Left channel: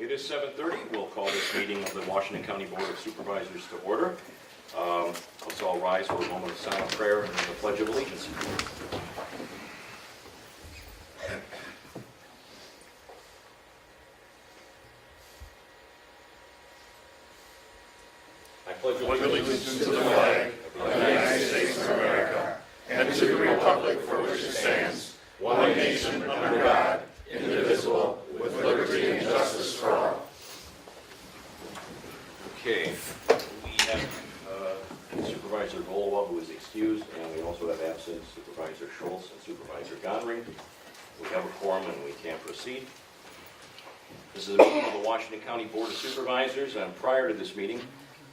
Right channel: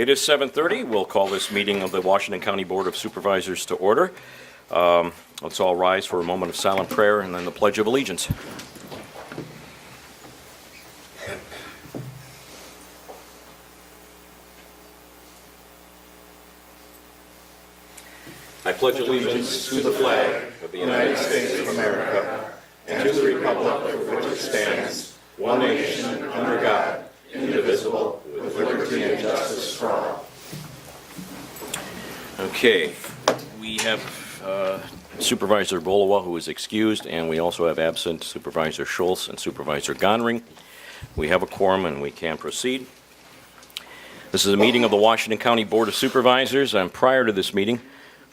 It is 7:30. We'll call this meeting of the Washington County Board of Supervisors to order. Let's all rise for a moment of silent prayer and then the Pledge of Allegiance. I pledge allegiance to the flag of the United States of America and to the republic for which it stands, one nation, under God, indivisible, with liberty and justice for all. Okay, we have Supervisor Bolowa, who is excused, and we also have absent Supervisor Schultz and Supervisor Gonring. We have a quorum and we can proceed. This is a meeting of the Washington County Board of Supervisors, and prior to this meeting,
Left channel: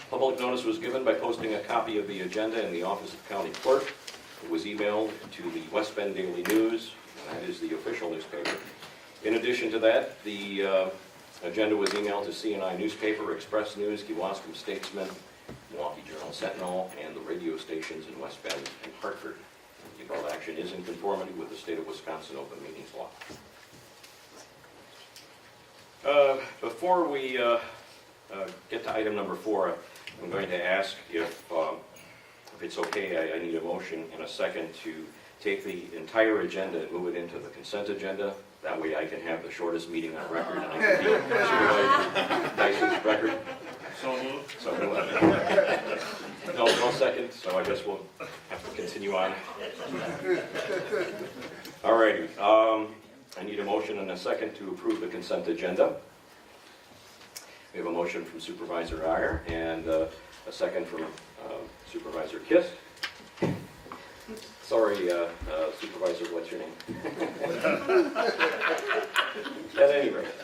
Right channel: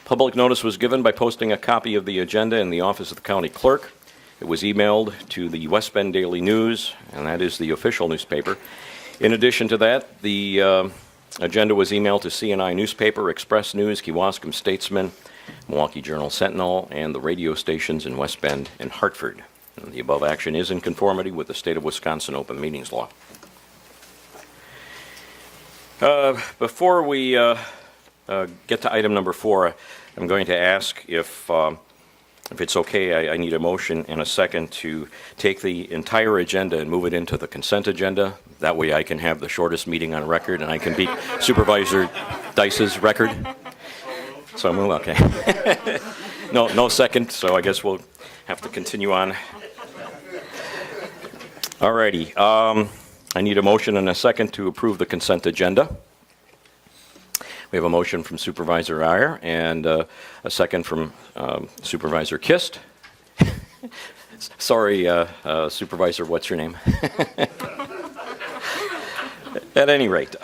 public notice was given by posting a copy of the agenda in the office of the county clerk. It was emailed to the West Bend Daily News, and that is the official newspaper. In addition to that, the agenda was emailed to CNI Newspaper, Express News, Kewaskum Statesman, Milwaukee Journal Sentinel, and the radio stations in West Bend and Hartford. And the above action is in conformity with the State of Wisconsin Open Meetings Law. Before we get to item number 4, I'm going to ask if it's okay, I need a motion and a second to take the entire agenda and move it into the consent agenda. That way I can have the shortest meeting on record and I can beat Supervisor Dice's record. So move, okay. No second, so I guess we'll have to continue on. Alrighty, I need a motion and a second to approve the consent agenda. We have a motion from Supervisor Iyer and a second from Supervisor Kist. Sorry, Supervisor, what's your name? At any rate,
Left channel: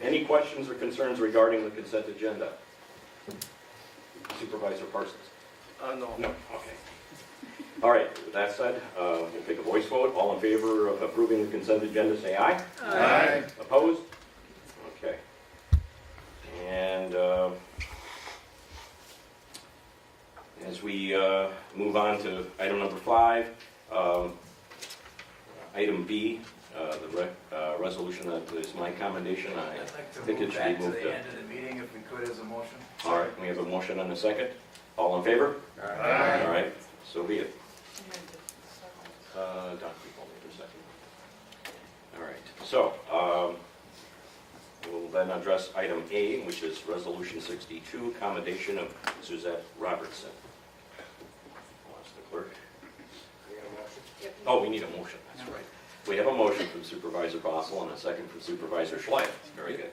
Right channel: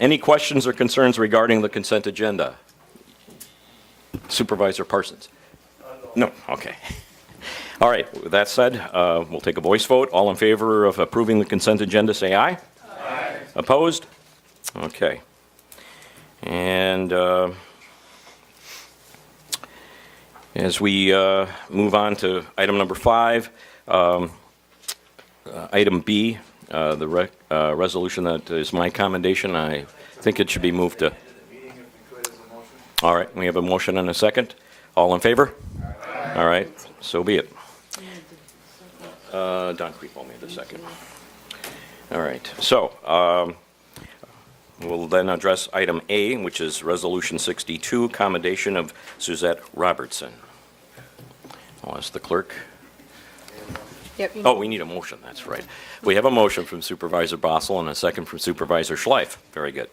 any questions or concerns regarding the consent agenda? Supervisor Parsons? No, okay. All right, with that said, we'll take a voice vote. All in favor of approving the consent agenda, say aye. Aye. Opposed? Okay. And as we move on to item number 5, item B, the resolution that is my commendation, I think it should be moved to. All right, we have a motion and a second. All in favor? Aye. All right, so be it. Don Creepo made the second. All right, so we'll then address item A, which is Resolution 62, commendation of Suzette Robertson. I'll ask the clerk. Yep. Oh, we need a motion, that's right. We have a motion from Supervisor Bossel and a second from Supervisor Schleif. Very good.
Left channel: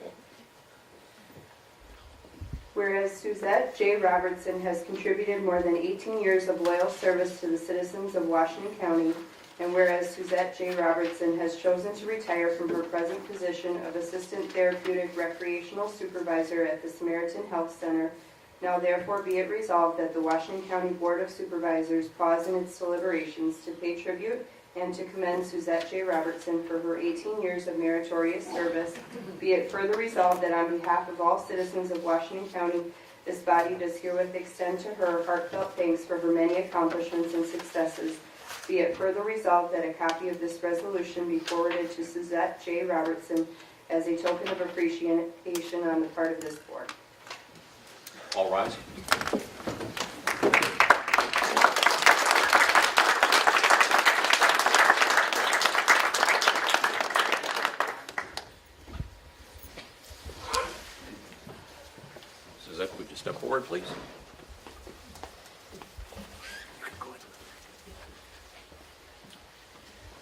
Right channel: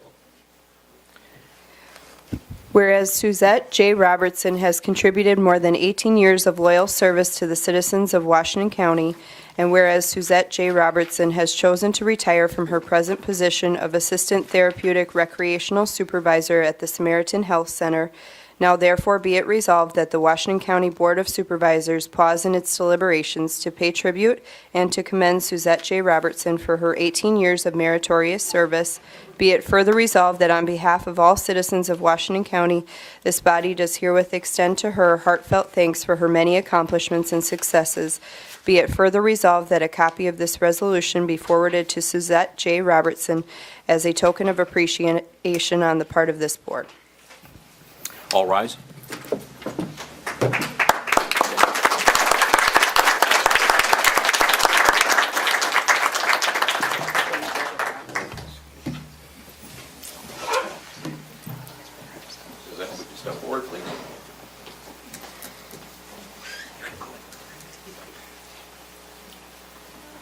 Whereas Suzette J. Robertson has contributed more than 18 years of loyal service to the citizens of Washington County, and whereas Suzette J. Robertson has chosen to retire from her present position of Assistant Therapeutic Recreational Supervisor at the Samaritan Health Center, now therefore be it resolved that the Washington County Board of Supervisors pause in its deliberations to pay tribute and to commend Suzette J. Robertson for her 18 years of meritorious service. Be it further resolved that on behalf of all citizens of Washington County, this body does herewith extend to her heartfelt thanks for her many accomplishments and successes. Be it further resolved that a copy of this resolution be forwarded to Suzette J. Robertson as a token of appreciation on the part of this board. All rise. Suzette, would you step forward, please?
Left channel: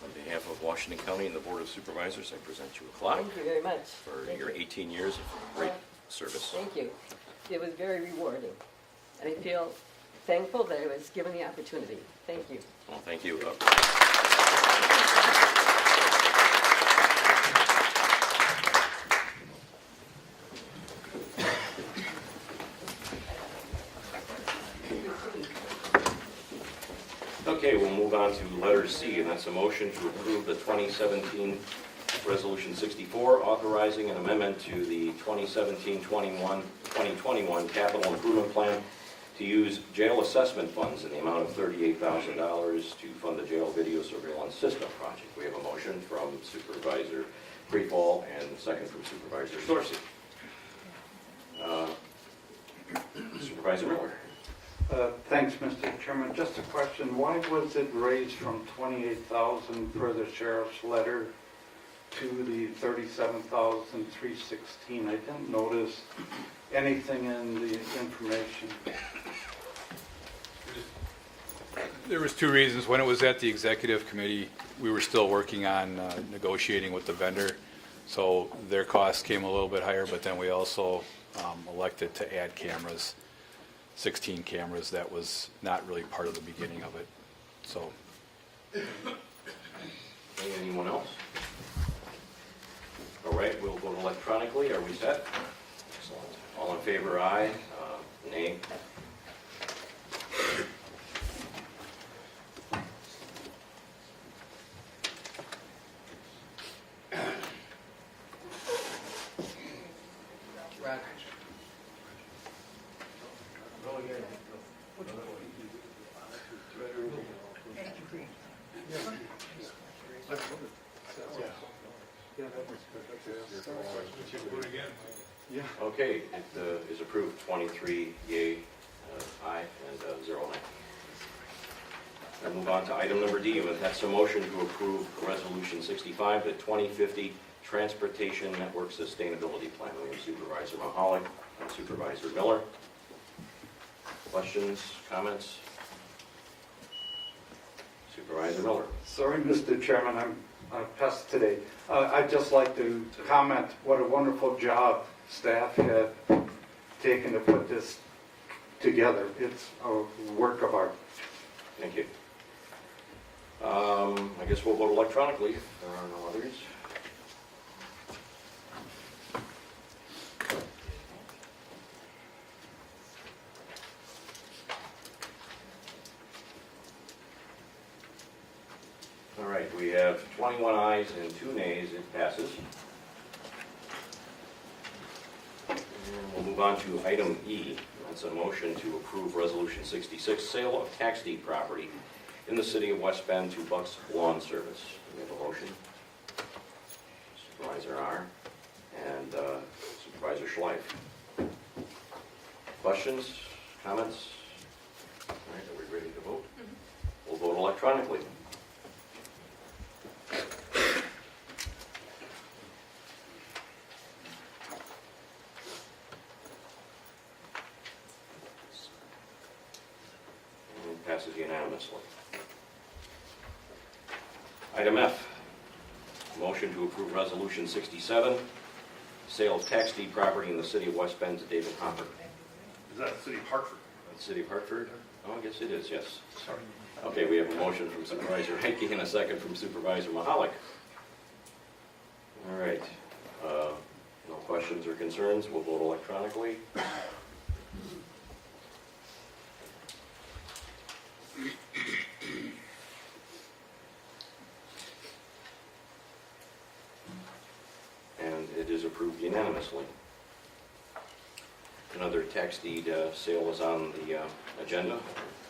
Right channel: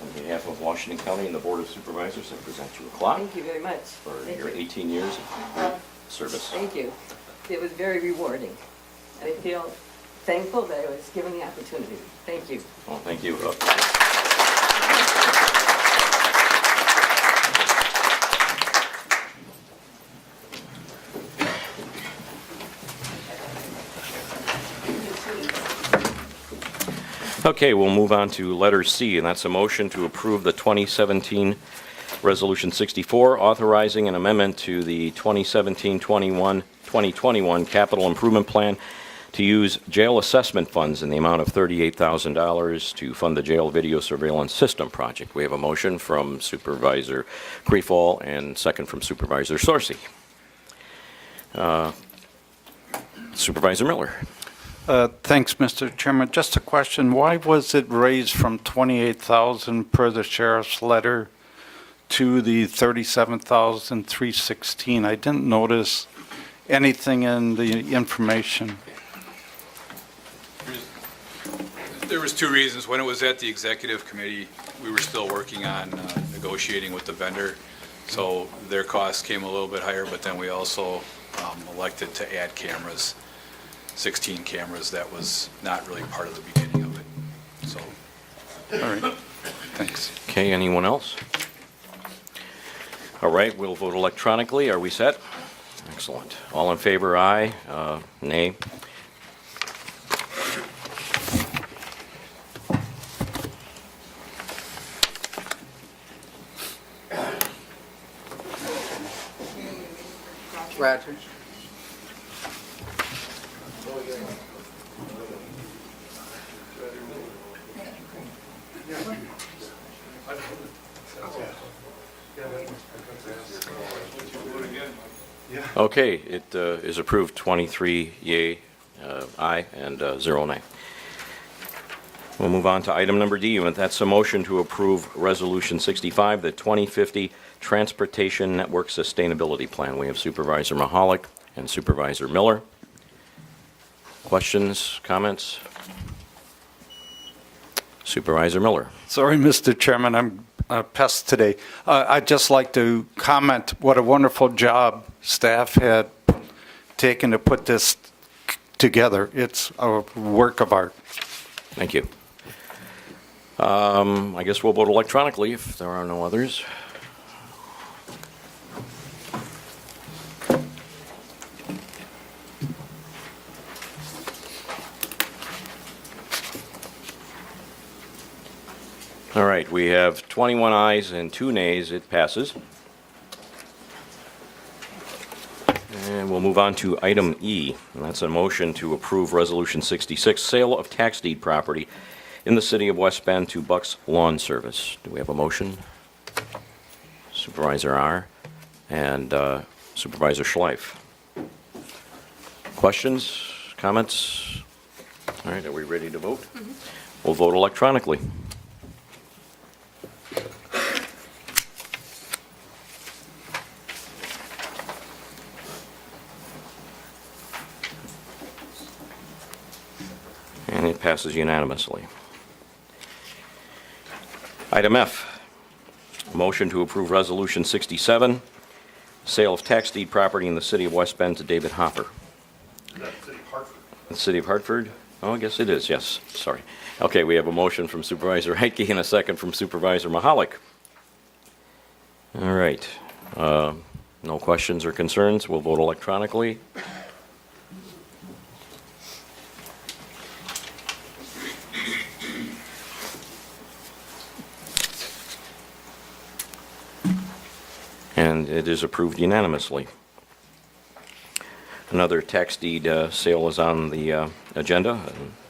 On behalf of Washington County and the Board of Supervisors, I present you a clock Thank you very much. for Thank your you. 18 years of great service. Thank you. It was very rewarding. And I feel thankful that I was given the opportunity. Thank you. Well, thank you. Okay, we'll move on to letter C, and that's a motion to approve the 2017 Resolution 64, authorizing an amendment to the 2017-2021 Capital Improvement Plan to use jail assessment funds in the amount of $38,000 to fund the jail video surveillance system project. We have a motion from Supervisor Creefall and second from Supervisor Sorcy. Supervisor Miller. Thanks, Mr. Chairman. Just a question. Why was it raised from 28,000 per the sheriff's letter to the 37,316? I didn't notice anything in the information. There was two reasons. When it was at the executive committee, we were still working on negotiating with the vendor. So their costs came a little bit higher, but then we also elected to add cameras, 16 cameras. That was not really part of the beginning of it. So, All right. Thanks. Okay, anyone else? All right, we'll vote electronically. Are we set? Excellent. All in favor, aye. Nay. Rogers. Okay, it is approved, 23 yea, aye, and 0 nay. We'll move on to item number D, and that's a motion to approve Resolution 65, the 2050 Transportation Network Sustainability Plan. We have Supervisor Mahalik and Supervisor Miller. Questions, comments? Supervisor Miller. Sorry, Mr. Chairman, I'm a pest today. I'd just like to comment what a wonderful job staff had taken to put this together. It's a work of art. Thank you. I guess we'll vote electronically if there are no others. All right, we have 21 ayes and 2 nays. It passes. And we'll move on to item E, and that's a motion to approve Resolution 66, sale of tax deed property in the city of West Bend to Bucks Lawn Service. Do we have a motion? Supervisor R. and Supervisor Schleif. Questions, comments? All right, are we ready to vote? We'll vote electronically. And it passes unanimously. Item F, motion to approve Resolution 67, sale of tax deed property in the city of West Bend to David Hopper. City of Hartford. The city of Hartford? Oh, I guess it is, yes, sorry. Okay, we have a motion from Supervisor Heike and a second from Supervisor Mahalik. All right, no questions or concerns, we'll vote electronically. And it is approved unanimously. Another tax deed sale is on the agenda.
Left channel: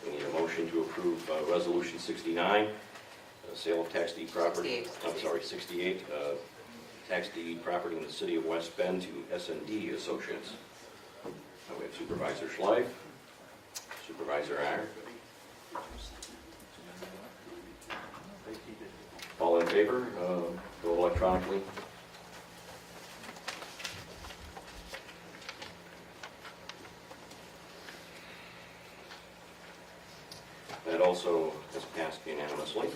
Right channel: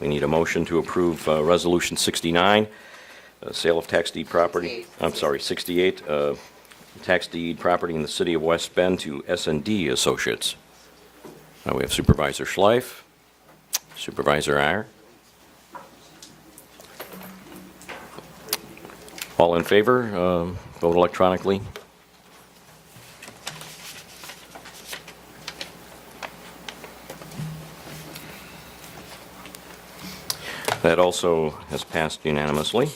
We need a motion to approve Resolution 69, sale of tax deed property. 68. I'm sorry, 68, tax deed property in the city of West Bend to S&D Associates. We have Supervisor Schleif, Supervisor Iyer. All in favor, vote electronically. That also has passed unanimously.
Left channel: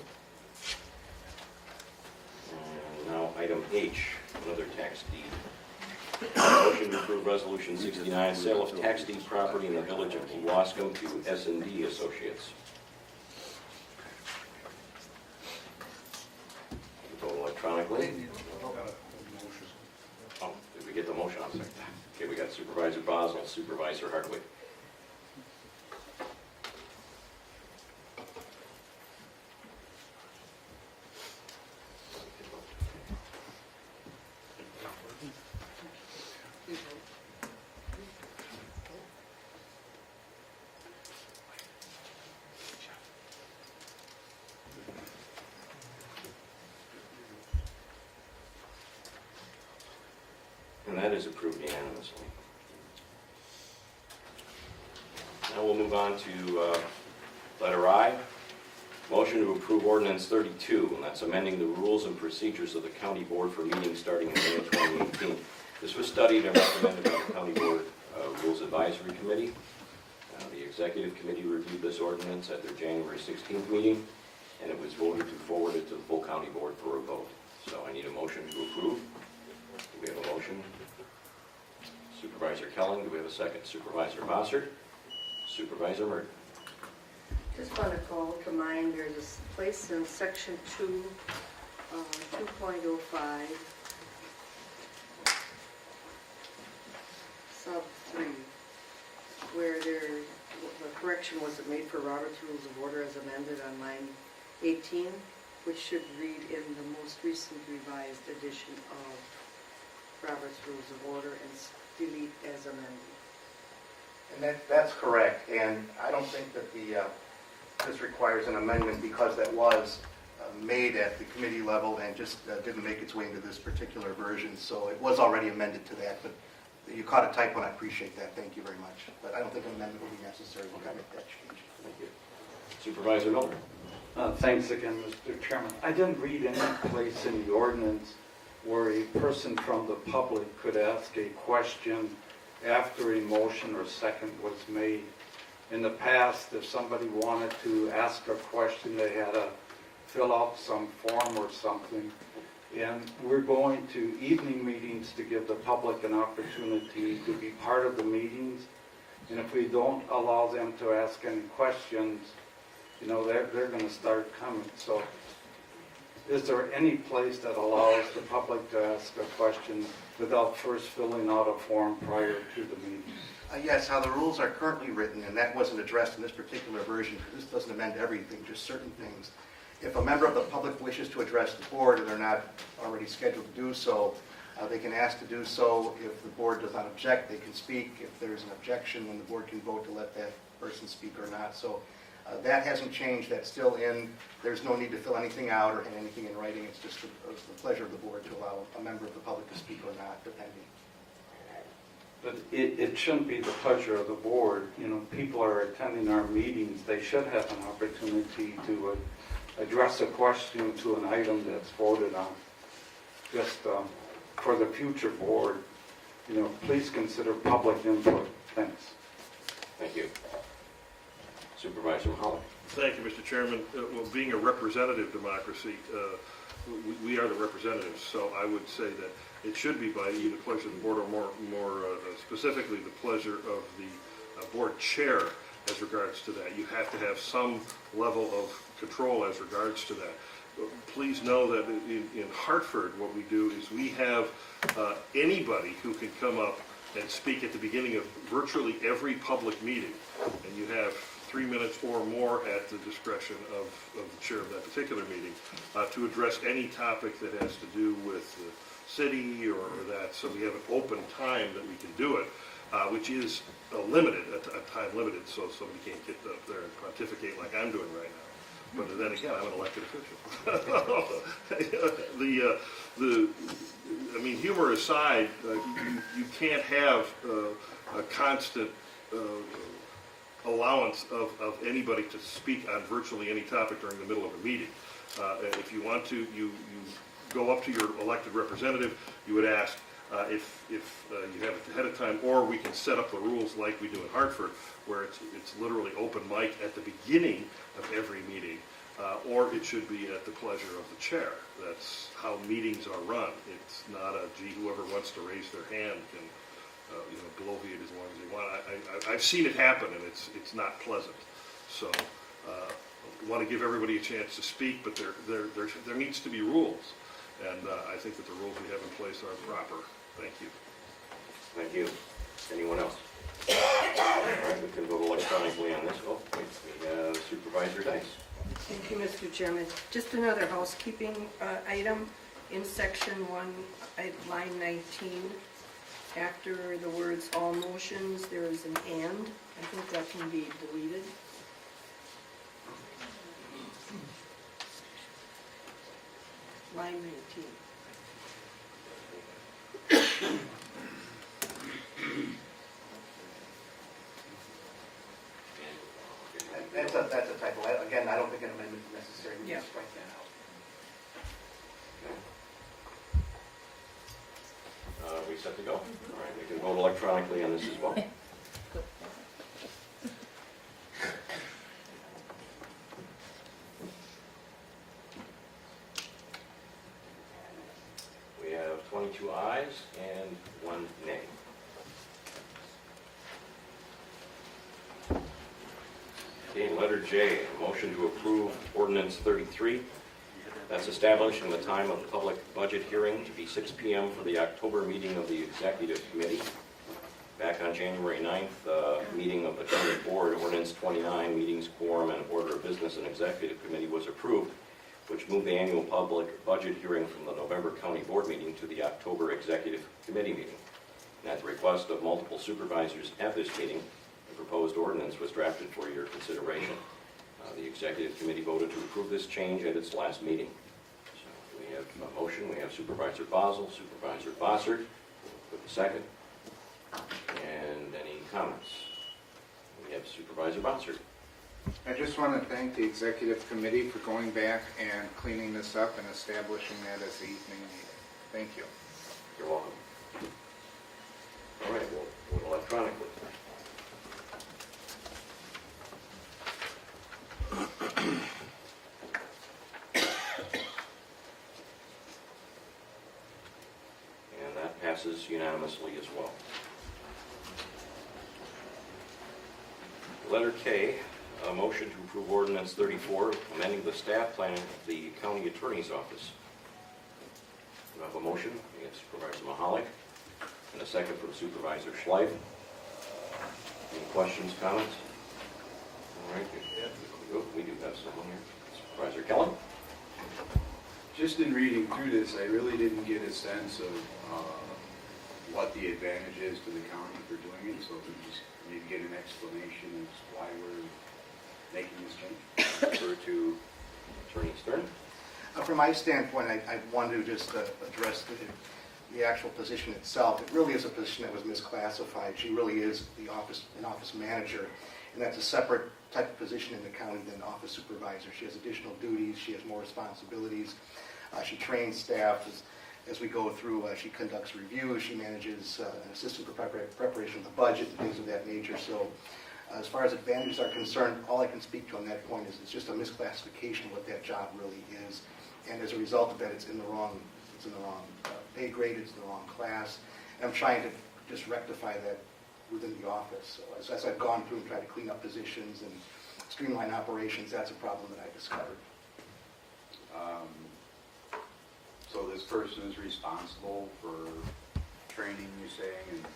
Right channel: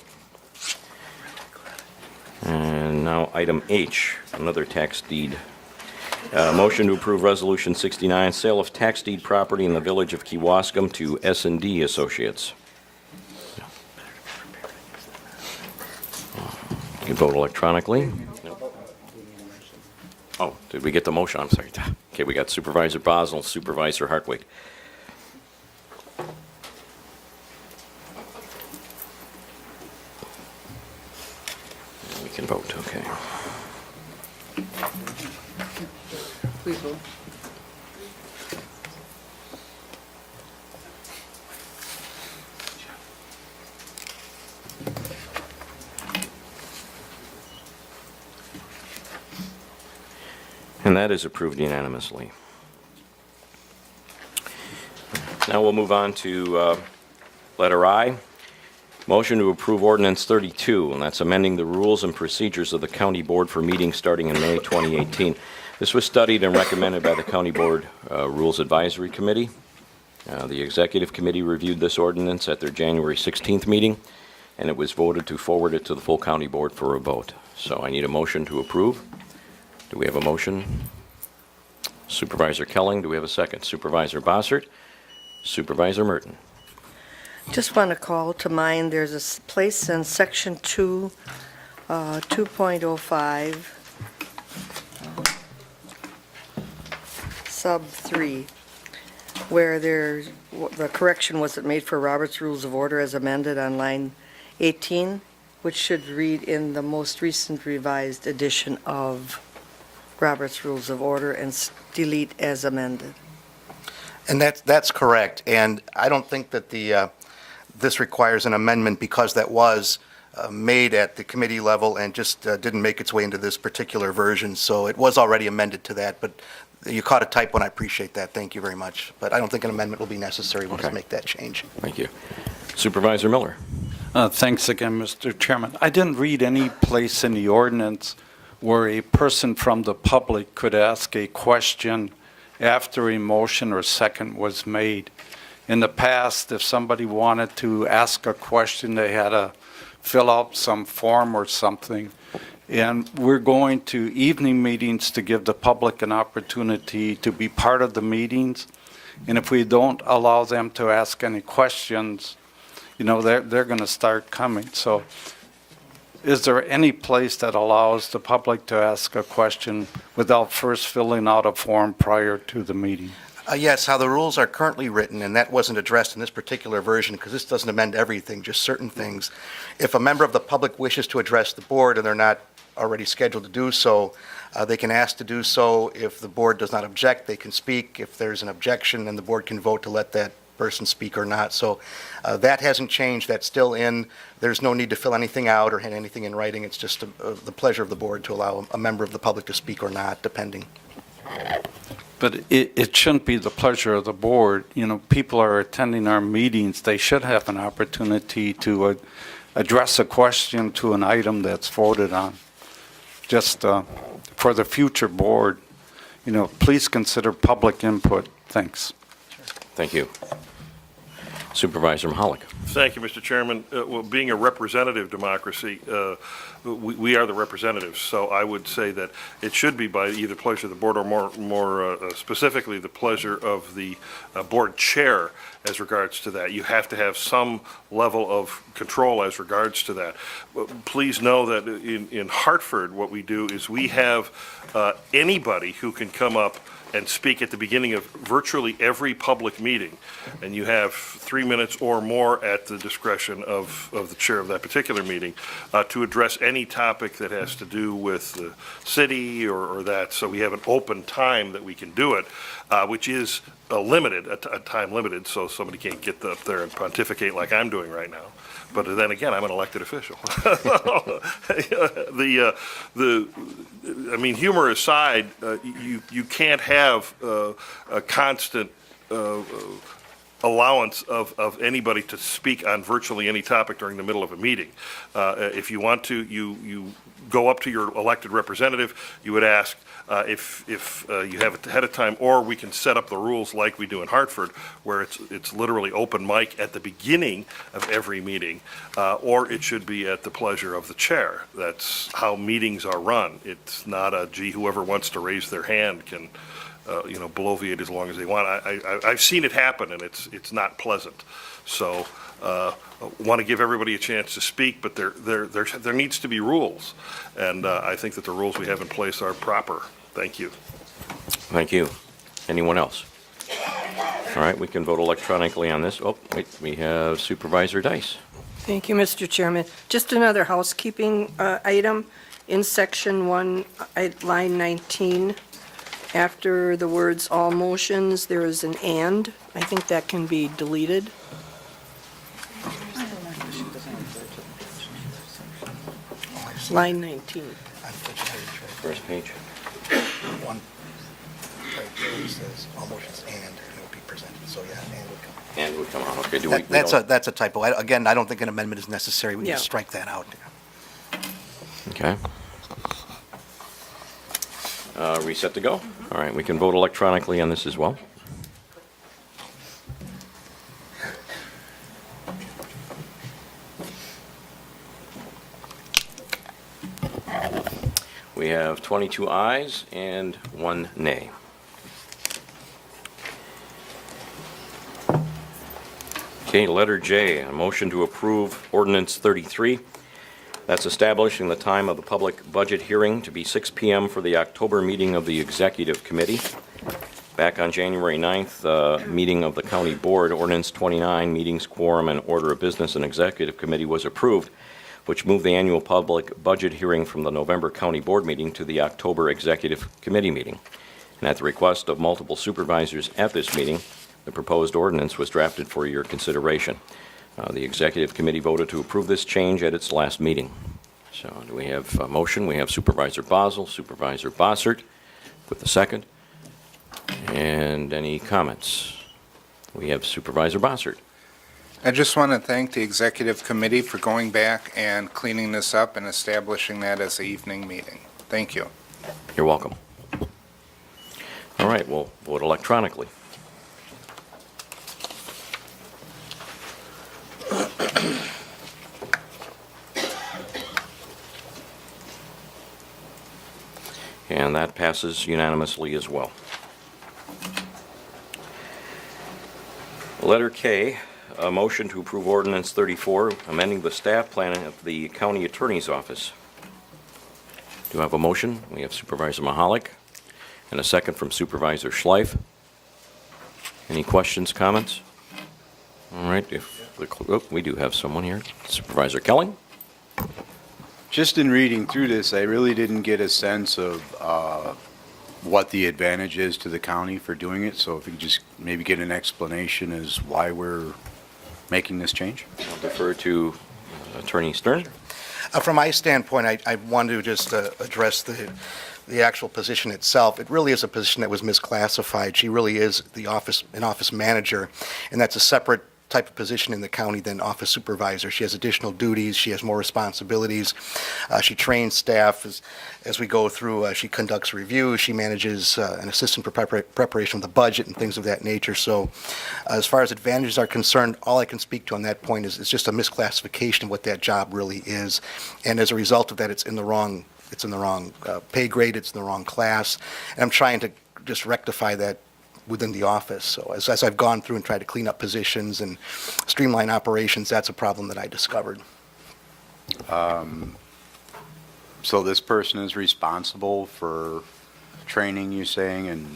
And now item H, another tax deed. Motion to approve Resolution 69, sale of tax deed property in the village of Kewaskum to S&D Associates. You vote electronically. Oh, did we get the motion? I'm sorry. Okay, we got Supervisor Bosel, Supervisor Hartwig. We can vote, okay. We vote. And that is approved unanimously. Now we'll move on to letter I. Motion to approve ordinance 32, and that's amending the rules and procedures of the county board for meetings starting in May 2018. This was studied and recommended by the county board Rules Advisory Committee. The executive committee reviewed this ordinance at their January 16th meeting, and it was voted to forward it to the full county board for a vote. So I need a motion to approve. Do we have a motion? Supervisor Kelling, do we have a second? Supervisor Bossert? Supervisor Merton? Just want to call to mind, there's a place in section 2, 2.05, sub 3, where the correction was made for Robert's Rules of Order as amended on line 18, which should read in the most recent revised edition of Robert's Rules of Order and delete as amended. And that's correct, and I don't think that this requires an amendment because that was made at the committee level and just didn't make its way into this particular version, so it was already amended to that, but you caught a typo, and I appreciate that, thank you very much. But I don't think an amendment will be necessary, we'll just Okay. make that change. Thank you. Supervisor Miller? Thanks again, Mr. Chairman. I didn't read any place in the ordinance where a person from the public could ask a question after a motion or second was made. In the past, if somebody wanted to ask a question, they had to fill out some form or something. And we're going to evening meetings to give the public an opportunity to be part of the meetings. And if we don't allow them to ask any questions, you know, they're going to start coming. So is there any place that allows the public to ask a question without first filling out a form prior to the meeting? Yes, how the rules are currently written, and that wasn't addressed in this particular version because this doesn't amend everything, just certain things. If a member of the public wishes to address the board and they're not already scheduled to do so, they can ask to do so. If the board does not object, they can speak. If there's an objection, then the board can vote to let that person speak or not. So that hasn't changed. That's still in. There's no need to fill anything out or have anything in writing. It's just the pleasure of the board to allow a member of the public to speak or not, depending. But it shouldn't be the pleasure of the board. You know, people are attending our meetings. They should have an opportunity to address a question to an item that's voted on. Just for the future board, you know, please consider public input. Thanks. Thank you. Supervisor Mahalik? Thank you, Mr. Chairman. Well, being a representative democracy, we are the representatives, so I would say that it should be by either pleasure of the board or more specifically the pleasure of the board chair as regards to that. You have to have some level of control as regards to that. Please know that in Hartford, what we do is we have anybody who can come up and speak at the beginning of virtually every public meeting. And you have 3 minutes or more at the discretion of the chair of that particular meeting to address any topic that has to do with the city or that. So we have an open time that we can do it, which is a time limited, so somebody can't get up there and pontificate like I'm doing right now. But then again, I'm an elected official. I mean, humor aside, you can't have a constant allowance of anybody to speak on virtually any topic during the middle of a meeting. If you want to, you go up to your elected representative, you would ask, if you have it ahead of time, or we can set up the rules like we do in Hartford, where it's literally open mic at the beginning of every meeting, or it should be at the pleasure of the chair. That's how meetings are run. It's not gee, whoever wants to raise their hand can, bloviate as long as they want. I've seen it happen, and it's not pleasant. So, want to give everybody a chance to speak, but there needs to be rules, and I think that the rules we have in place are proper. Thank you. Thank you. Anyone else? All right, we can vote electronically on this. Oh, wait, we have Supervisor Dice. Thank you, Mr. Chairman. Just another housekeeping item. In section 1, line 19, after the words "all motions," there is an "and." I think that can be deleted. Line 19. First page. One, right, it says all motions and it will be presented, so yeah, and would come. it would come out. Okay, do we? That's a typo. Again, I don't think an amendment is necessary. We Yeah. just strike that out. Okay. We set to go? All right, we can vote electronically on this as well. We have 22 ayes and 1 nay. Okay, letter J, a motion to approve ordinance 33. That's establishing the time of the public budget hearing to be 6 PM for the October meeting of the Executive Committee. Back on January 9th, meeting of the County Board, Ordinance 29, Meetings, Quorum, and Order of Business and Executive Committee was approved, which moved the annual public budget hearing from the November County Board meeting to the October Executive Committee meeting. And at the request of multiple supervisors at this meeting, the proposed ordinance was drafted for your consideration. The Executive Committee voted to approve this change at its last meeting. So do we have a motion? We have Supervisor Basel, Supervisor Bossert with the second. And any comments? We have Supervisor Bossert. I just want to thank the executive committee for going back and cleaning this up and establishing that as an evening meeting. Thank you. You're welcome. All right, we'll vote electronically. And that passes unanimously as well. Letter K, a motion to approve ordinance 34, amending the staff plan of the county attorney's office. Do I have a motion? We have Supervisor Mahalik and a second from Supervisor Schleif. Any questions, comments? All right, we do have someone here. Supervisor Kelly? Just in reading through this, I really didn't get a sense of what the advantage is to the county for doing it. So if you could just maybe get an explanation as why we're making this change. I'll defer to Attorney Stern. From my standpoint, I want to just address the actual position itself. It really is a position that was misclassified. She really is an office manager, and that's a separate type of position in the county than office supervisor. She has additional duties, she has more responsibilities. She trains staff as we go through. She conducts reviews, she manages an assistant for preparation of the budget and things of that nature. So as far as advantages are concerned, all I can speak to on that point is it's just a misclassification of what that job really is. And as a result of that, it's in the wrong pay grade, it's in the wrong class. And I'm trying to just rectify that within the office. So as I've gone through and tried to clean up positions and streamline operations, that's a problem that I discovered. So this person is responsible for training, you saying, and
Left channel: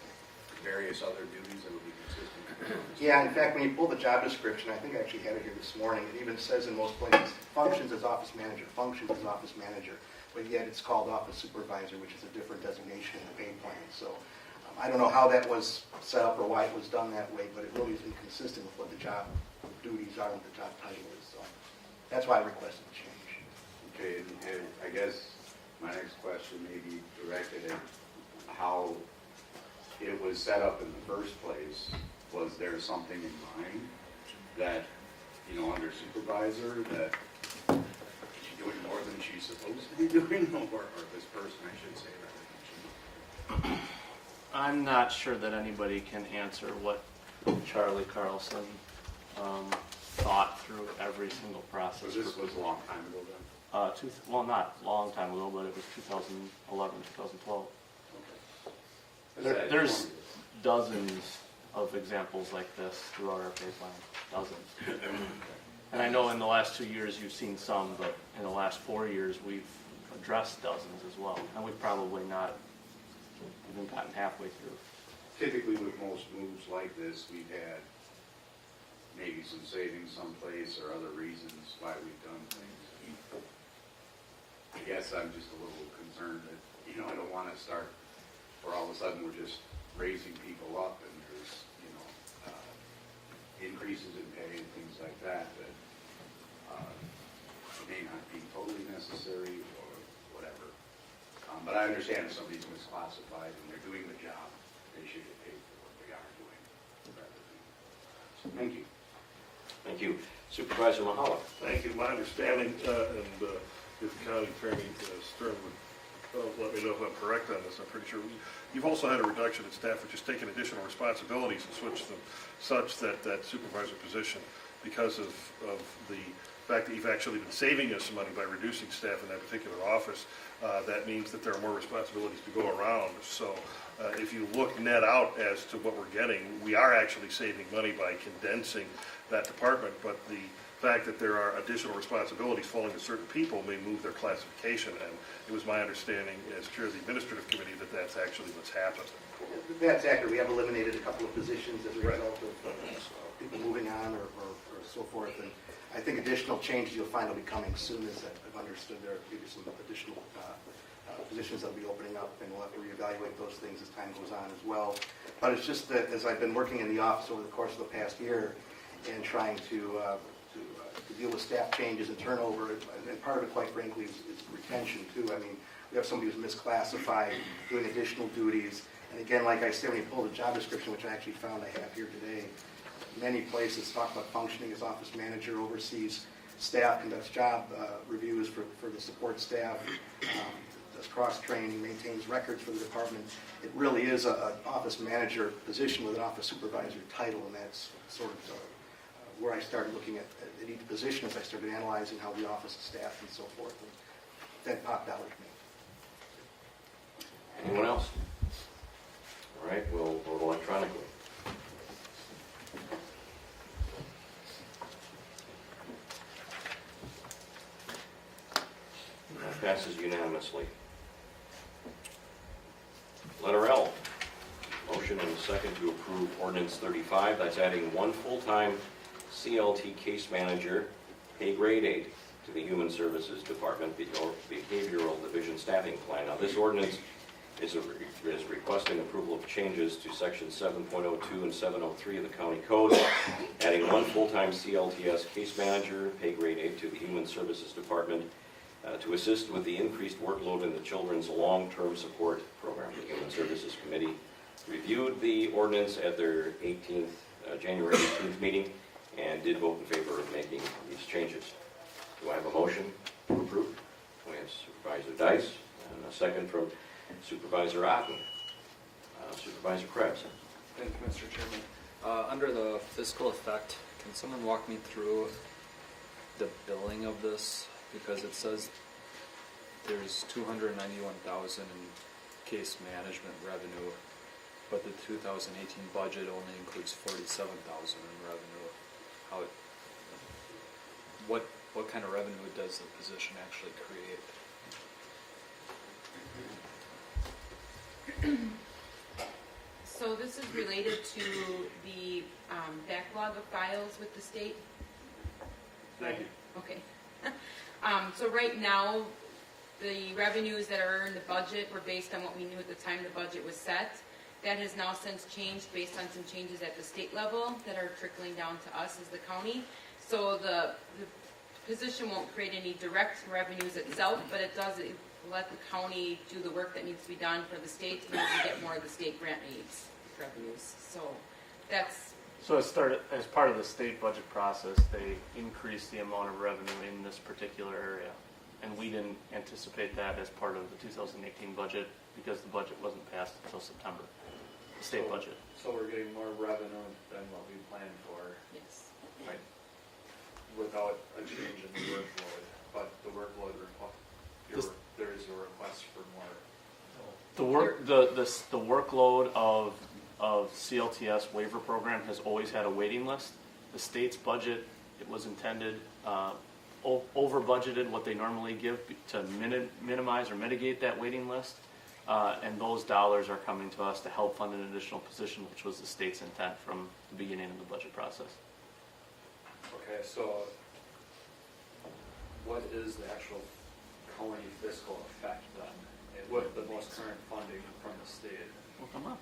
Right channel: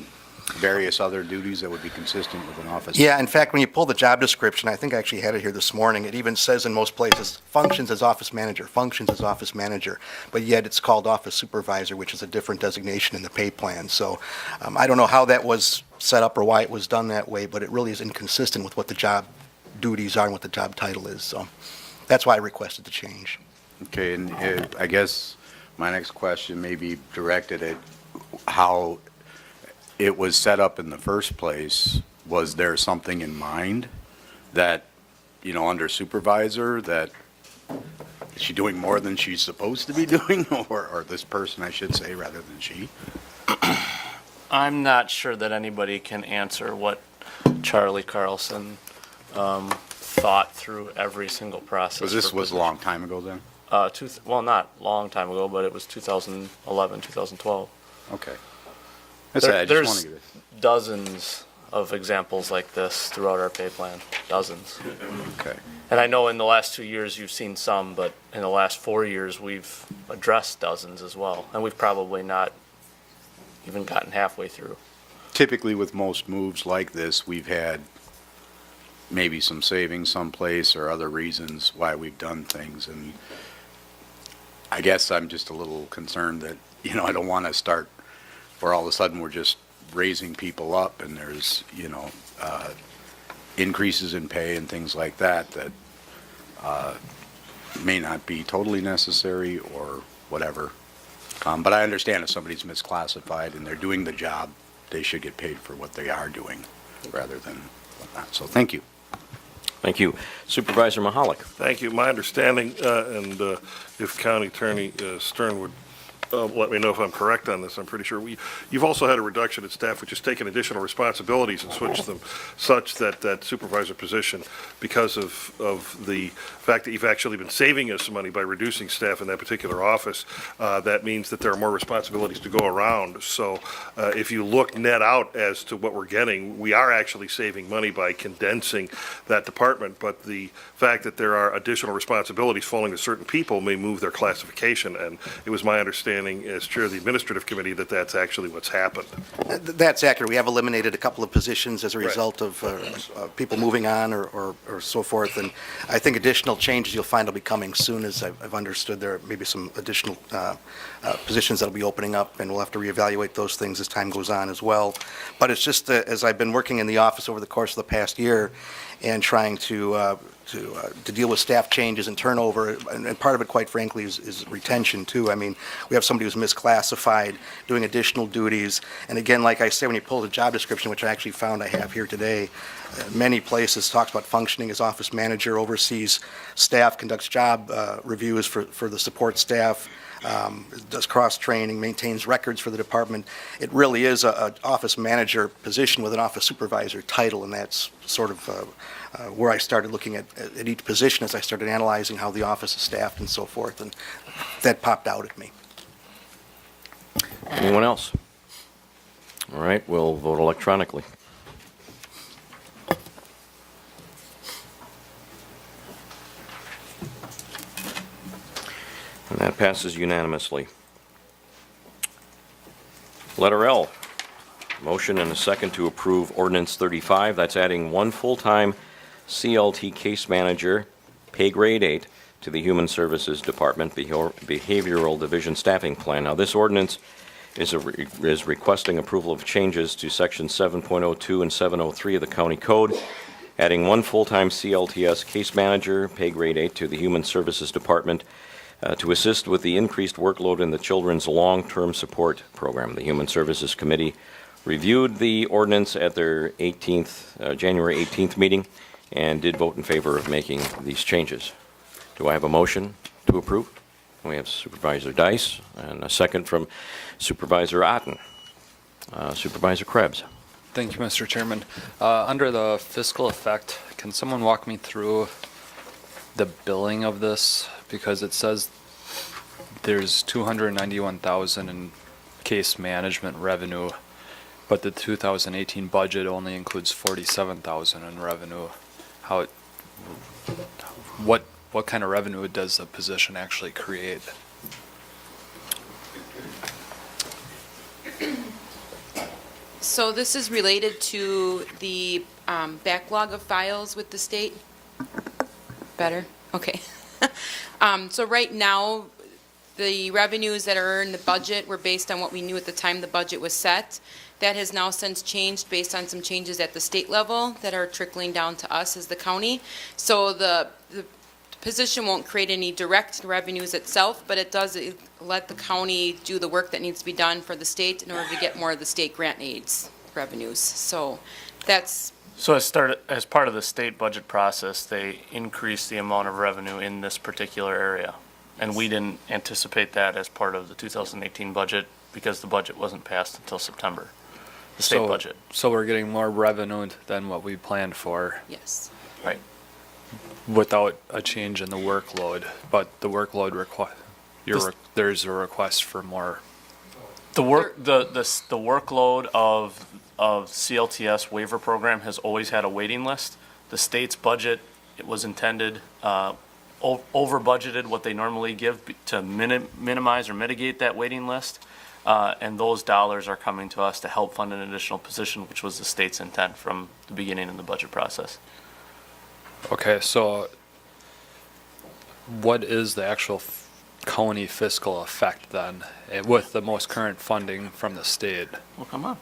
various other duties that would be consistent with an office? Yeah, in fact, when you pull the job description, I think I actually had it here this morning, it even says in most places, functions as office manager, but yet it's called office supervisor, which is a different designation in the pay plan. So I don't know how that was set up or why it was done that way, but it really is inconsistent with what the job duties are and what the job title is. So that's why I requested the change. Okay, and I guess my next question may be directed at how it was set up in the first place. Was there something in mind that, under supervisor, that is she doing more than she's supposed to be doing, or this person, I should say, rather than she? I'm not sure that anybody can answer what Charlie Carlson thought through every single process. So this was a long time ago then? Well, not long time ago, but it was 2011, 2012. Okay. That's it, I just There's wanted to- dozens of examples like this throughout our pay plan, dozens. Okay. And I know in the last 2 years you've seen some, but in the last 4 years, we've addressed dozens as well. And we've probably not even gotten halfway through. Typically with most moves like this, we've had maybe some savings someplace or other reasons why we've done things. And I guess I'm just a little concerned that, I don't want to start where all of a sudden we're just raising people up and there's, increases in pay and things like that may not be totally necessary or whatever. But I understand if somebody's misclassified and they're doing the job, they should get paid for what they are doing rather than whatnot. So thank you. Thank you. Supervisor Mahalik. Thank you. My understanding, and if County Attorney Stern would let me know if I'm correct on this, I'm pretty sure, you've also had a reduction in staff which has taken additional responsibilities and switched them such that that supervisor position, because of the fact that you've actually been saving us money by reducing staff in that particular office, that means that there are more responsibilities to go around. So if you look net out as to what we're getting, we are actually saving money by condensing that department, but the fact that there are additional responsibilities falling to certain people may move their classification, and it was my understanding as chair of the administrative committee that that's actually what's happened. That's accurate. We have eliminated a couple of positions as a Right. result of people moving on or so forth, and I think additional changes you'll find will be coming soon. As I've understood, there may be some additional positions that'll be opening up, and we'll have to reevaluate those things as time goes on as well. But it's just as I've been working in the office over the course of the past year and trying to deal with staff changes and turnover, and part of it, quite frankly, is retention, too. I mean, we have somebody who's misclassified, doing additional duties, and again, like I say, when you pull the job description, which I actually found I have here today, many places talks about functioning as office manager, oversees staff, conducts job reviews for the support staff, does cross-training, maintains records for the department. It really is an office manager position with an office supervisor title, and that's sort of where I started looking at each position as I started analyzing how the office is staffed and so forth, and that popped out at me. Anyone else? All right, we'll vote electronically. And that passes unanimously. Letter L, motion and a second to approve ordinance 35. That's adding one full-time CLT case manager, pay grade 8, to the Human Services Department Behavioral Division Staffing Plan. Now, this ordinance is requesting approval of changes to section 7.02 and 703 of the county code, adding one full-time CLTS case manager, pay grade 8, to the Human Services Department to assist with the increased workload in the Children's Long-Term Support Program. The Human Services Committee reviewed the ordinance at their January 18th meeting and did vote in favor of making these changes. Do I have a motion to approve? We have Supervisor Dice and a second from Supervisor Otten. Supervisor Krebs. Thank you, Mr. Chairman. Under the fiscal effect, can someone walk me through the billing of this? Because it says there's $291,000 in case management revenue, but the 2018 budget only includes $47,000 in revenue. What kind of revenue does the position actually create? So this is related to the backlog of files with the state? Better? Okay. So right now, the revenues that are in the budget were based on what we knew at the time the budget was set. That has now since changed based on some changes at the state level that are trickling down to us as the county. So the position won't create any direct revenues itself, but it does let the county do the work that needs to be done for the state in order to get more of the state grant aids revenues. So that's So as part of the state budget process, they increased the amount of revenue in this particular area. And we didn't anticipate that as part of the 2018 budget because the budget wasn't passed until September, the state budget. So we're getting more revenue than what we planned for yes. Right. without a change in the workload, but the workload there's a request for more. The workload of CLTS waiver program has always had a waiting list. The state's budget, it was intended, over budgeted what they normally give to minimize or mitigate that waiting list. And those dollars are coming to us to help fund an additional position, which was the state's intent from the beginning in the budget process. Okay, so what is the actual county fiscal effect then, with the most current funding from the state? Well, come on.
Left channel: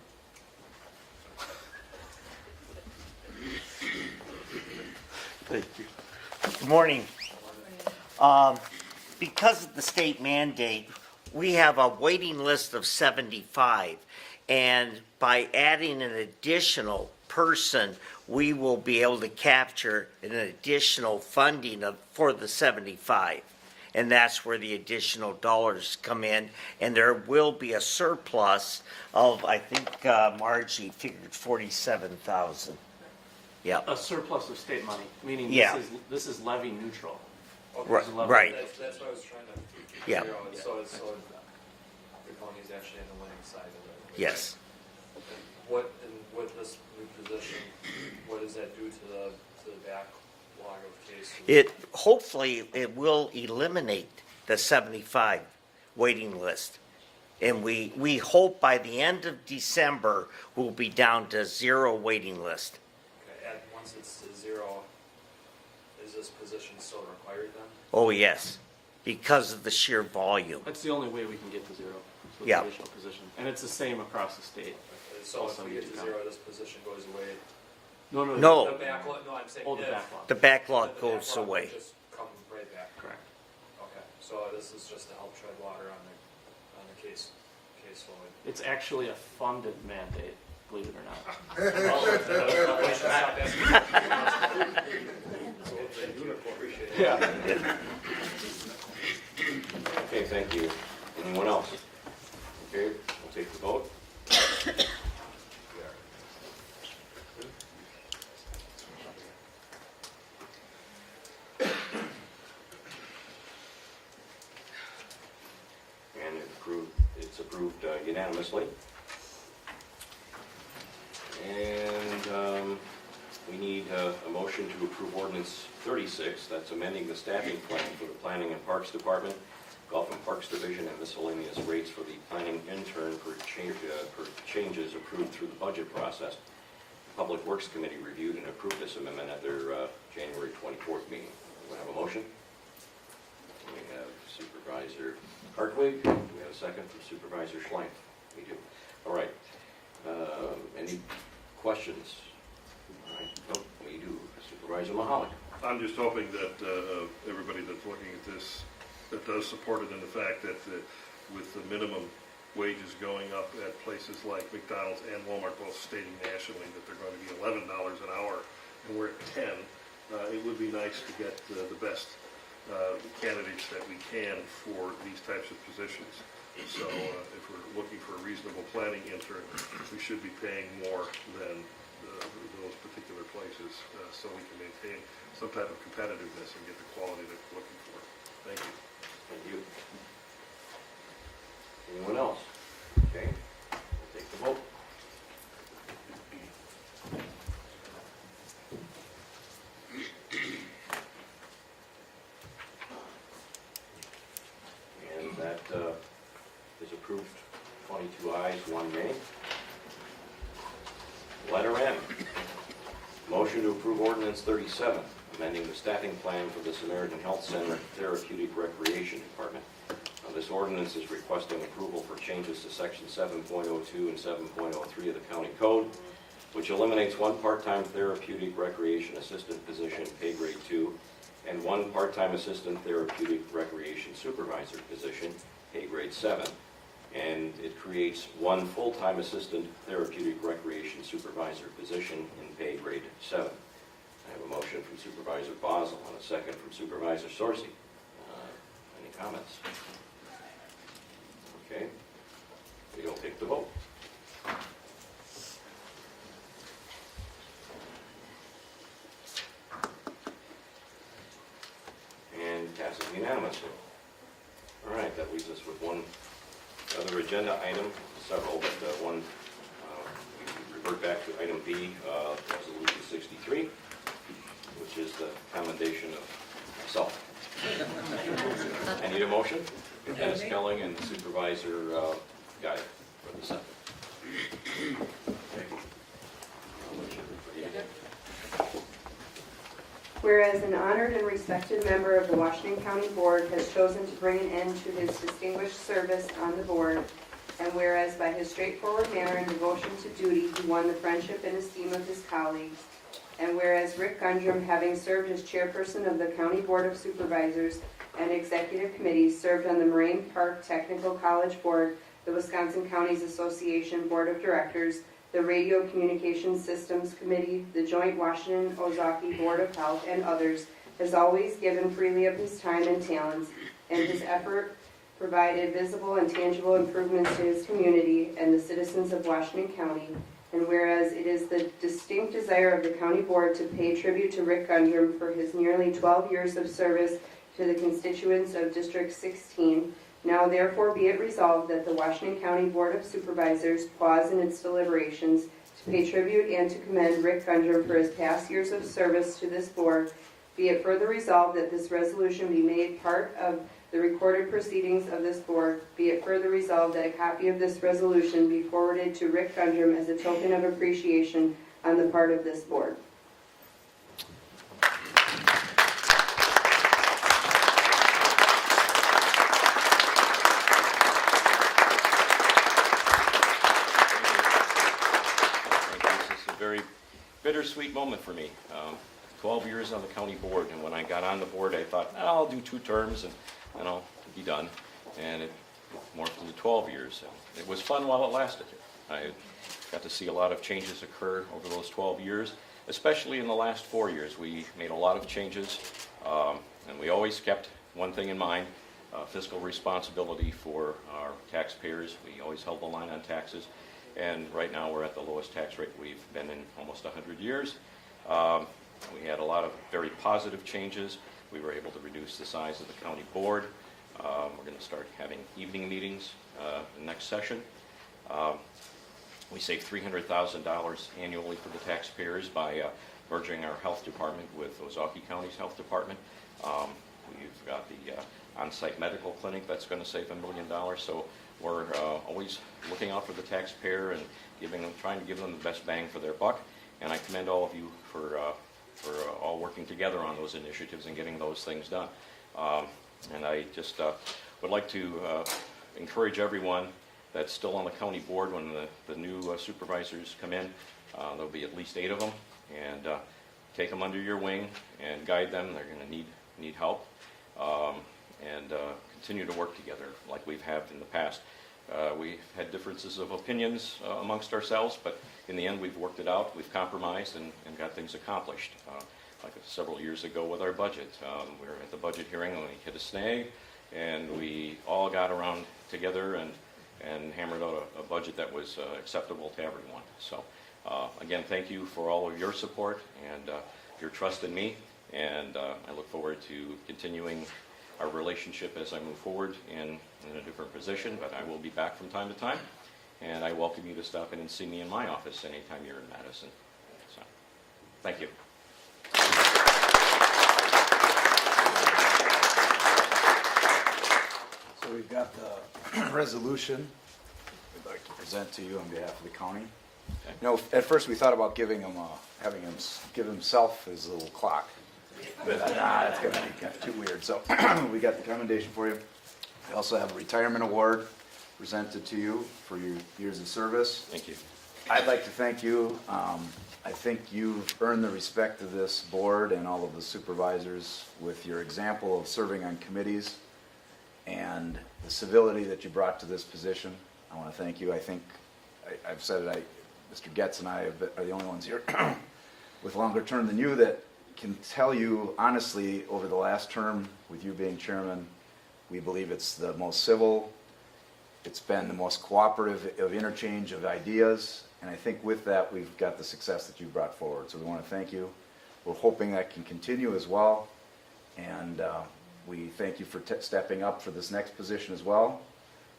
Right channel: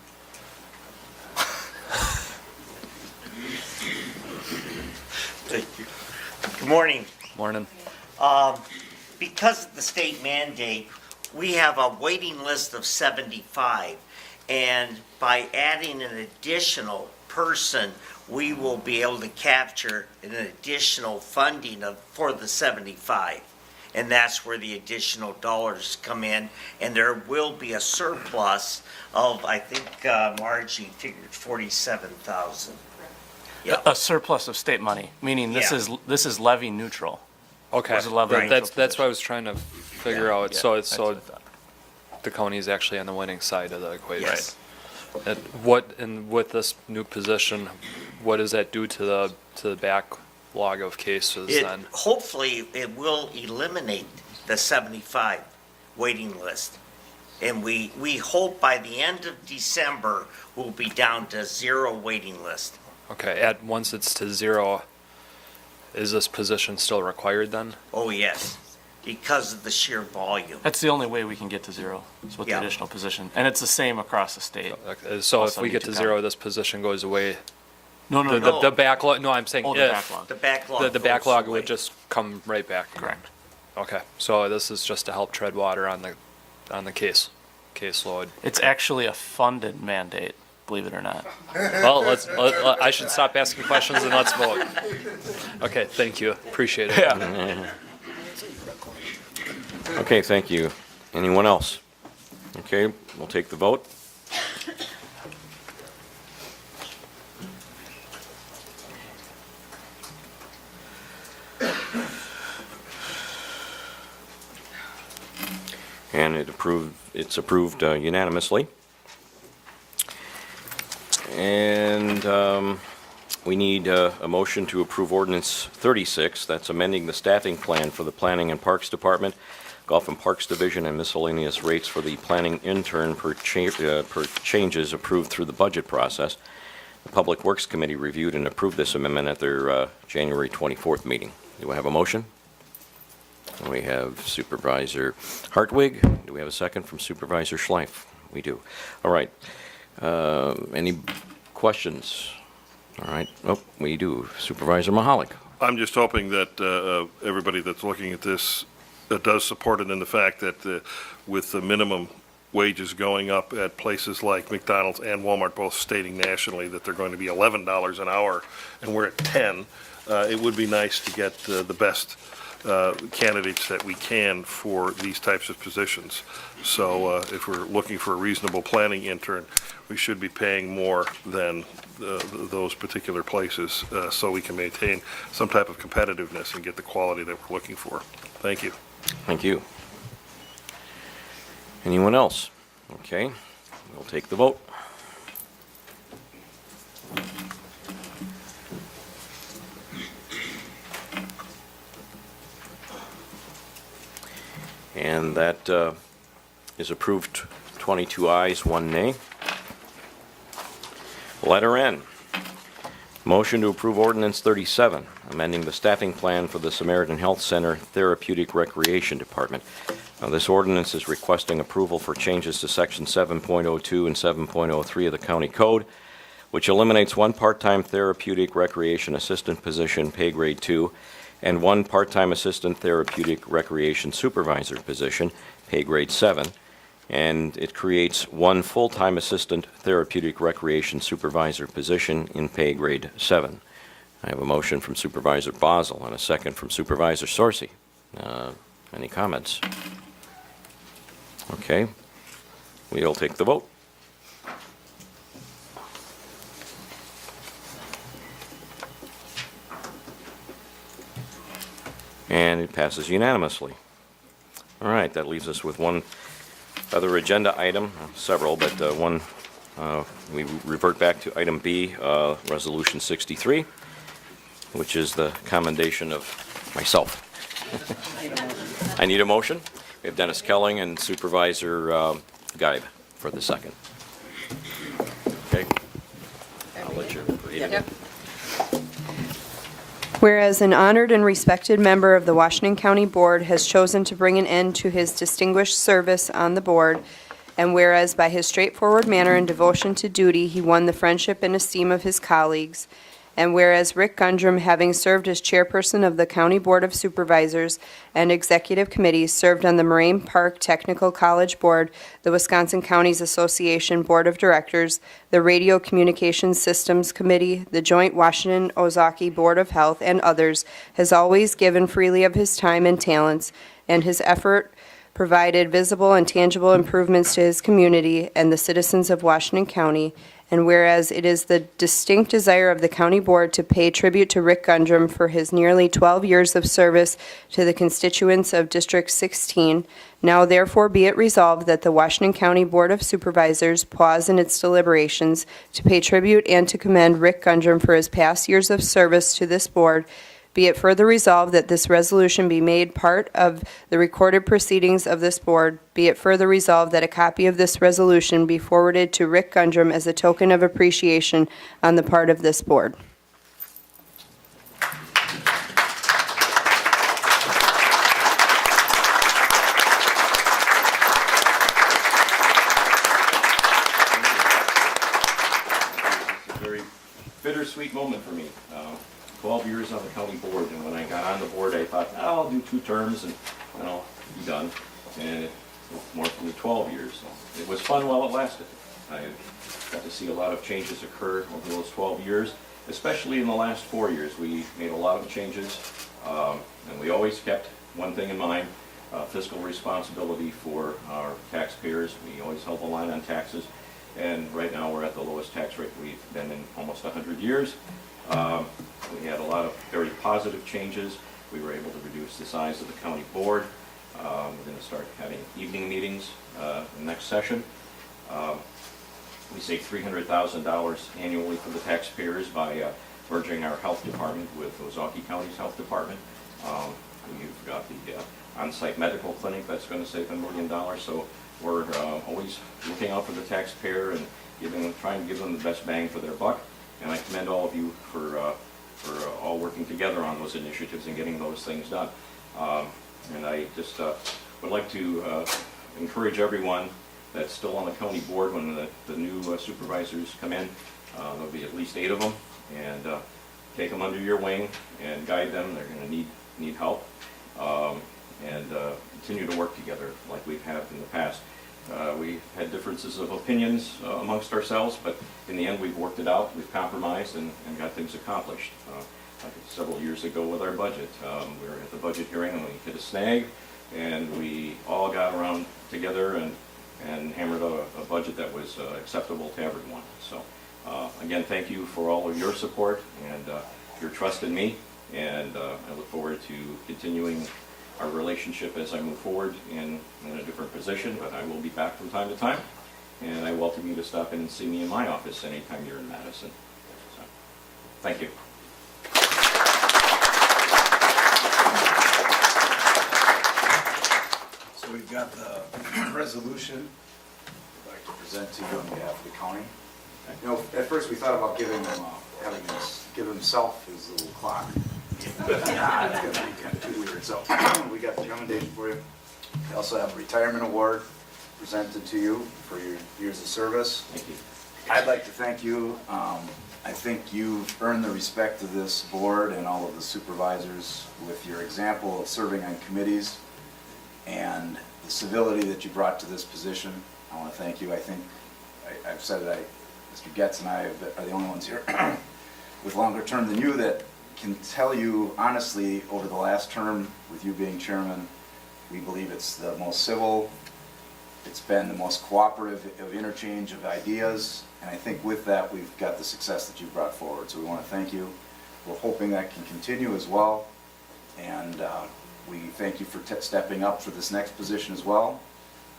Thank you. Good morning. Morning. Because of the state mandate, we have a waiting list of 75. And by adding an additional person, we will be able to capture an additional funding for the 75. And that's where the additional dollars come in, and there will be a surplus of, I think, Margie figured 47,000. Yeah. A surplus of state money, meaning Yeah. this is levy neutral. Okay, Where's the levy Right. neutral that's what I position? was trying to figure Yeah. out. Yeah, So that's what I thought. the county is actually on the winning side of the equation. Yes. And with this new position, what does that do to the backlog of cases It, then? hopefully, it will eliminate the 75 waiting list. And we hope by the end of December, we'll be down to 0 waiting list. Okay, once it's to 0, is this position still required then? Oh, yes, because of the sheer volume. That's the only way we can get to 0, is with Yeah. the additional position. And it's the same across the state. Okay, so if Also we need get to to count. 0, this position goes away. No, no, The, no. the backlog, no, I'm saying Oh, the if, backlog. The backlog the goes backlog away. would just come right back. Correct. Okay, so this is just to help tread water on the caseload. It's actually a funded mandate, believe it or not. Well, I should stop asking questions and let's vote. Okay, thank you, appreciate it. Yeah. Okay, thank you. Anyone else? Okay, we'll take the vote. And it's approved unanimously. And we need a motion to approve ordinance 36, that's amending the staffing plan for the Planning and Parks Department, Golf and Parks Division, and miscellaneous rates for the planning intern per changes approved through the budget process. The Public Works Committee reviewed and approved this amendment at their January 24th meeting. Do I have a motion? We have Supervisor Hartwig. Do we have a second from Supervisor Schleif? We do. All right. Any questions? All right. Oh, we do. Supervisor Mahalik. I'm just hoping that everybody that's looking at this does support it in the fact that with the minimum wages going up at places like McDonald's and Walmart, both stating nationally that they're going to be $11 an hour, and we're at 10, it would be nice to get the best candidates that we can for these types of positions. So if we're looking for a reasonable planning intern, we should be paying more than those particular places so we can maintain some type of competitiveness and get the quality that we're looking for. Thank you. Thank you. Anyone else? Okay, we'll take the vote. And that is approved, 22 ayes, 1 nay. Letter N, motion to approve ordinance 37, amending the staffing plan for the Samaritan Health Center Therapeutic Recreation Department. This ordinance is requesting approval for changes to section 7.02 and 7.03 of the county code, which eliminates 1 part-time therapeutic recreation assistant position, pay grade 2, and 1 part-time assistant therapeutic recreation supervisor position, pay grade 7, and it creates 1 full-time assistant therapeutic recreation supervisor position in pay grade 7. I have a motion from Supervisor Basel and a second from Supervisor Sorcy. Any comments? Okay, we'll take the vote. And it passes unanimously. All right, that leaves us with one other agenda item, several, but one, we revert back to item B, Resolution 63, which is the commendation of myself. I need a motion. We have Dennis Kelling and Supervisor Geib for the second. Okay? I'll let you read it. Whereas an honored and respected member of the Washington County Board has chosen to bring an end to his distinguished service on the board, and whereas by his straightforward manner and devotion to duty, he won the friendship and esteem of his colleagues, And whereas Rick Gundrum, having served as chairperson of the County Board of Supervisors and Executive Committee, served on the Moraine Park Technical College Board, the Wisconsin Counties Association Board of Directors, the Radio Communications Systems Committee, the Joint Washington-Ozaukee Board of Health, and others, has always given freely of his time and talents, and his effort provided visible and tangible improvements to his community and the citizens of Washington County. And whereas it is the distinct desire of the county board to pay tribute to Rick Gundrum for his nearly 12 years of service to the constituents of District 16, now therefore be it resolved that the Washington County Board of Supervisors pause in its deliberations to pay tribute and to commend Rick Gundrum for his past years of service to this board. Be it further resolved that this resolution be made part of the recorded proceedings of this board. Be it further resolved that a copy of this resolution be forwarded to Rick Gundrum as a token of appreciation on the part of this board. It's a very bittersweet moment for me. 12 years on the county board, and when I got on the board, I thought, I'll do 2 terms and I'll be done. And it morphed into 12 years. It was fun while it lasted. I got to see a lot of changes occur over those 12 years, especially in the last 4 years. We made a lot of changes, and we always kept one thing in mind, fiscal responsibility for our taxpayers. We always held the line on taxes, and right now we're at the lowest tax rate we've been in almost 100 years. We had a lot of very positive changes. We were able to reduce the size of the county board. We're going to start having evening meetings in the next session. We saved $300,000 annually for the taxpayers by merging our health department with Ozaukee County's health department. We've got the on-site medical clinic that's going to save $1 million. So we're always looking out for the taxpayer and trying to give them the best bang for their buck. And I commend all of you for all working together on those initiatives and getting those things done. And I just would like to encourage everyone that's still on the county board when the new supervisors come in. There'll be at least 8 of them, and take them under your wing and guide them. They're going to need help, and continue to work together like we've had in the past. We had differences of opinions amongst ourselves, but in the end we've worked it out, we've compromised and got things accomplished. Like several years ago with our budget, we were at the budget hearing and we hit a snag, and we all got around together and hammered out a budget that was acceptable to everyone. So again, thank you for all of your support and your trust in me, and I look forward to continuing our relationship as I move forward in a different position, but I will be back from time to time, and I welcome you to stop in and see me in my office anytime you're in Madison. So, thank you. So we've got the resolution we'd like to present to you on behalf of the county. You know, at first we thought about giving him, give himself his little clock. But it's going to be kind of too weird. So we got the commendation for you. We also have a retirement award presented to you for your years of service. Thank you. I'd like to thank you. I think you've earned the respect of this board and all of the supervisors with your example of serving on committees and the civility that you brought to this position. I want to thank you. I think I've said it, Mr. Getz and I are the only ones here with longer term than you that can tell you honestly, over the last term, with you being chairman, we believe it's the most civil, it's been the most cooperative of interchange of ideas, and I think with that, we've got the success that you've brought forward. So we want to thank you. We're hoping that can continue as well, and we thank you for stepping up for this next position as well.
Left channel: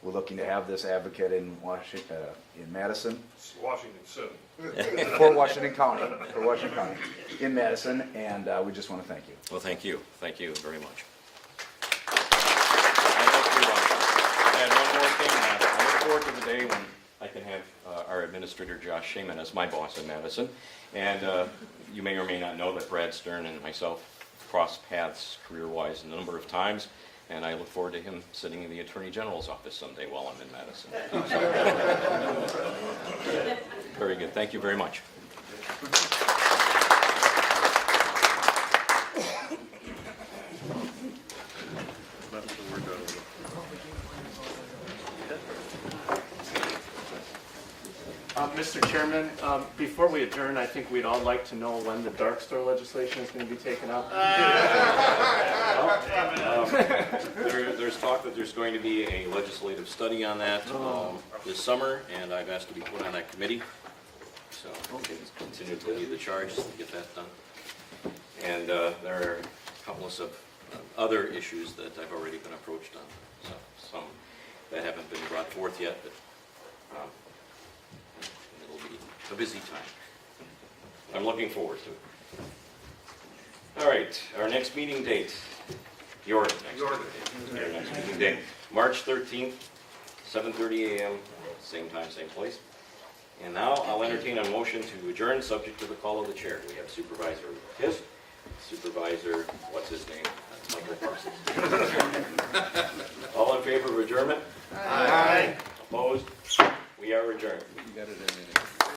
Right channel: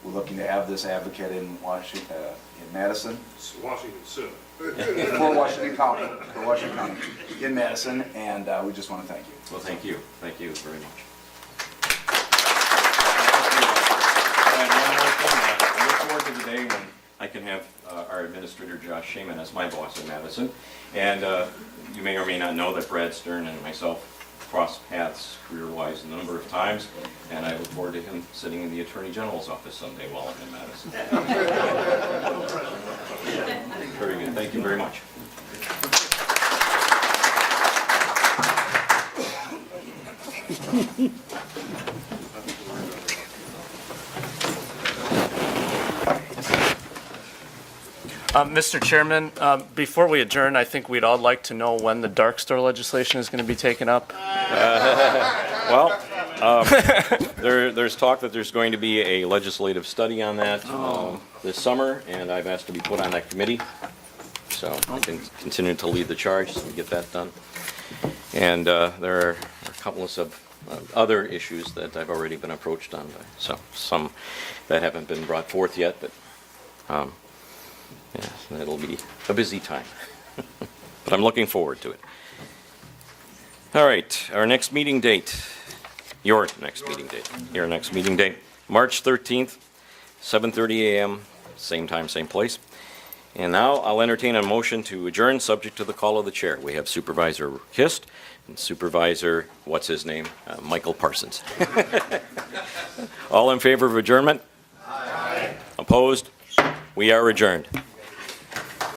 We're looking to have this advocate in Washington, in Madison. It's Washington 7. For Washington County, in Madison, and we just want to thank you. Well, thank you. Thank you very much. And one more thing, I look forward to the day when I can have our administrator, Josh Shaman, as my boss in Madison. And you may or may not know that Brad Stern and myself crossed paths career-wise a number of times, and I look forward to him sitting in the Attorney General's office someday while I'm in Madison. Very good. Thank you very much. Mr. Chairman, before we adjourn, I think we'd all like to know when the dark store legislation is going to be taken up. Well, there's talk that there's going to be a legislative study on that this summer, and I've asked to be put on that committee. So I can continue to lead the charge to get that done. And there are a couple of other issues that I've already been approached on by some that haven't been brought forth yet, but yeah, it'll be a busy time. But I'm looking forward to it. All right, our next meeting date, your next meeting date, March 13th, 7:30 a.m., same time, same place. And now I'll entertain a motion to adjourn, subject to the call of the chair. We have Supervisor Kist and Supervisor, what's his name? Michael Parsons. All in favor of adjournment? Aye. Opposed? We are adjourned.